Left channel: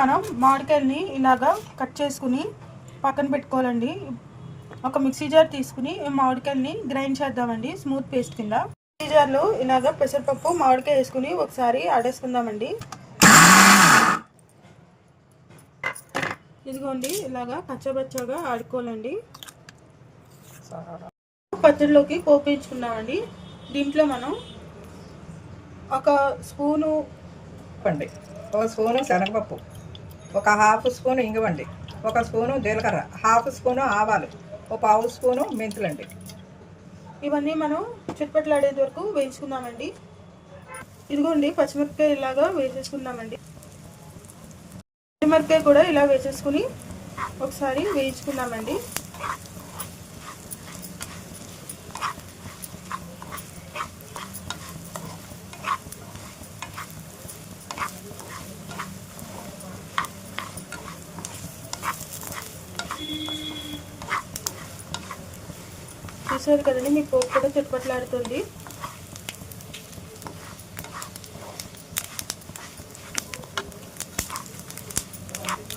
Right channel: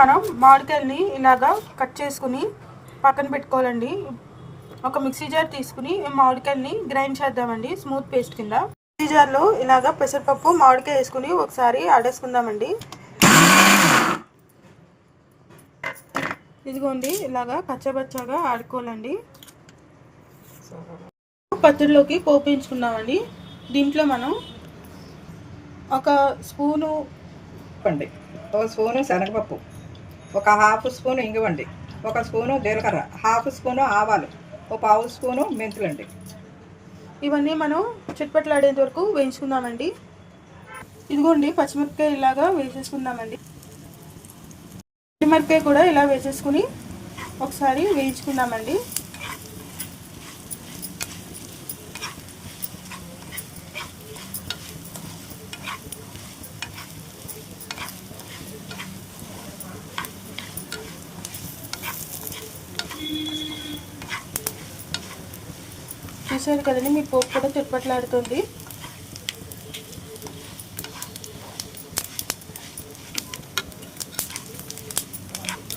మనం మామిడికాయలని ఇలాగా కట్ చేసుకుని పక్కన పెట్టుకోవాలండి. ఒక మిక్సీ జార్ తీసుకుని మామిడికాయలని గ్రైండ్ చేద్దామండి స్మూత్ పేస్ట్ కింద. మిక్సీ జార్లో ఇలాగా పెసరపప్పు మామిడికాయ వేసుకుని ఒకసారి ఆడేసుకుందామండి. ఇదిగోండి ఇలాగా కచ్చబచ్చగా ఆడుకోవాలండి. పచ్చడిలోకి పోపు వేయించుకున్నామండి. దీంట్లో మనం ఒక స్పూను పండి, ఒక స్పూను శనగపప్పు, ఒక హాఫ్ స్పూను ఇంగువండి, ఒక స్పూను జీలకర్ర, హాఫ్ స్పూను ఆవాలు, ఒక పావు స్పూను మెంతులండి. ఇవన్నీ మనం చిట్పట్లాడేంత వరకు వేయించుకుందామండి. ఇదిగోండి పచ్చిమిరపకాయ ఇలాగా వేసేసుకుందామండి. పచ్చిమిరపకాయ కూడా ఇలా వేసేసుకుని ఒకసారి వేయించుకుందామండి. చూసారు కదండి, మీ పోపు కూడా చిట్పట్లాడుతుంది.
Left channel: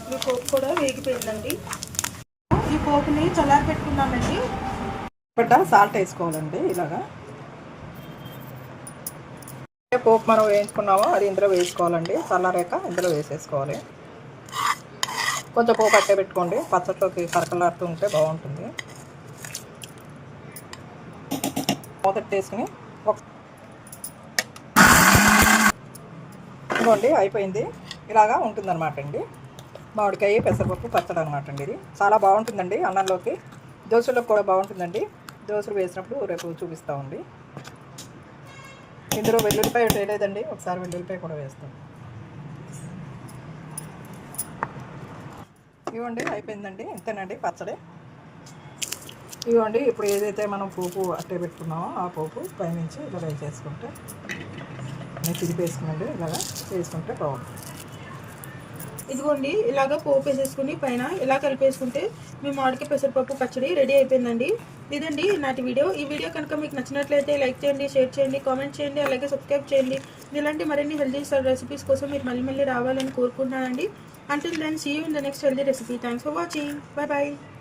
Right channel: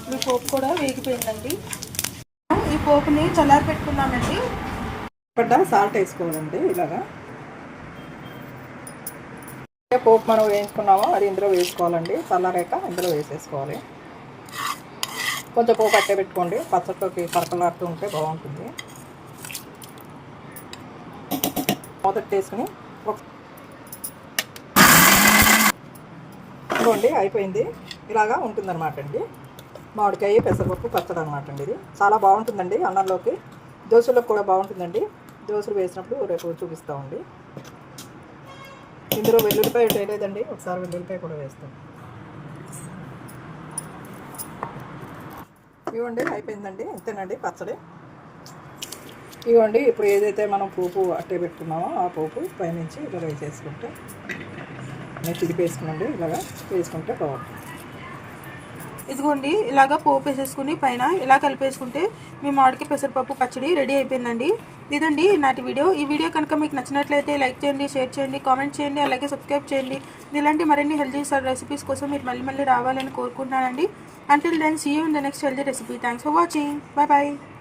మీ పోపు కూడా వేగిపోయిందండి. ఈ పోపుని చల్లారి పెట్టుకుందామండి. సాల్ట్ వేసుకోవాలండి. ఇలాగా పోపు మనం వేయించుకున్నామో అది ఇందులో వేసుకోవాలండి. చల్లారాక ఇందులో వేసేసుకోవాలి. కొంచెం పోపు అట్టే పెట్టుకోండి, పచ్చట్లోకి కరకలాడుతూ ఉంటే బాగుంటుంది. మొదటి వేసుకుని ఇదిగోండి అయిపోయింది. ఇలాగా ఉంటుందన్నమాట అండి మామిడికాయ పెసరపప్పు పచ్చడి అనమాట అండి. ఇది చాలా బాగుంటుందండి. అన్నంలోకి దోశలోకి కూడా బాగుంటుందండి. దోశలు వేసినప్పుడు రేపు చూపిస్తామండి. ఇందులో వెల్లుల్లిపాయ వేయలేదండి, ఒకసారి వెల్లుల్లిపాయ కూడా వేస్తాం. ఇవ్వండి అయిపోయిందండి, ఇంతేనండి పచ్చడి. ఇవ్వండి ఇప్పుడు ఏదైతే మనం పోపు అట్టే పెట్టుకున్నామో ఆ పోపు పైనుంచి ఇలా వేసేసుకుంటే నేను తిరిపేసుకునండి. ఇలాగా వేసుకుంటే బాగుంటుంది. ఇదిగోండి ఇలాగా పోపు వేసేసుకుని పైన ఇలా కలిపేసుకుంటే మీ మామిడికాయ పెసరపప్పు పచ్చడి రెడీ అయిపోయిందండి. ఇదండి నాటి వీడియో. ఈ వీడియో కనుక మీకు నచ్చినట్లయితే లైక్ చేయండి, షేర్ చేయండి, కామెంట్ చేయండి, అలాగే సబ్స్క్రైబ్ చేయండి. ఇలాంటి మరిన్ని హెల్తీ రెసిపీస్ కోసం మీరు మళ్ళీ రావాలని కోరుకుంటున్నానండి. Until then, see you in the next healthy recipe. Thanks for watching. Bye bye.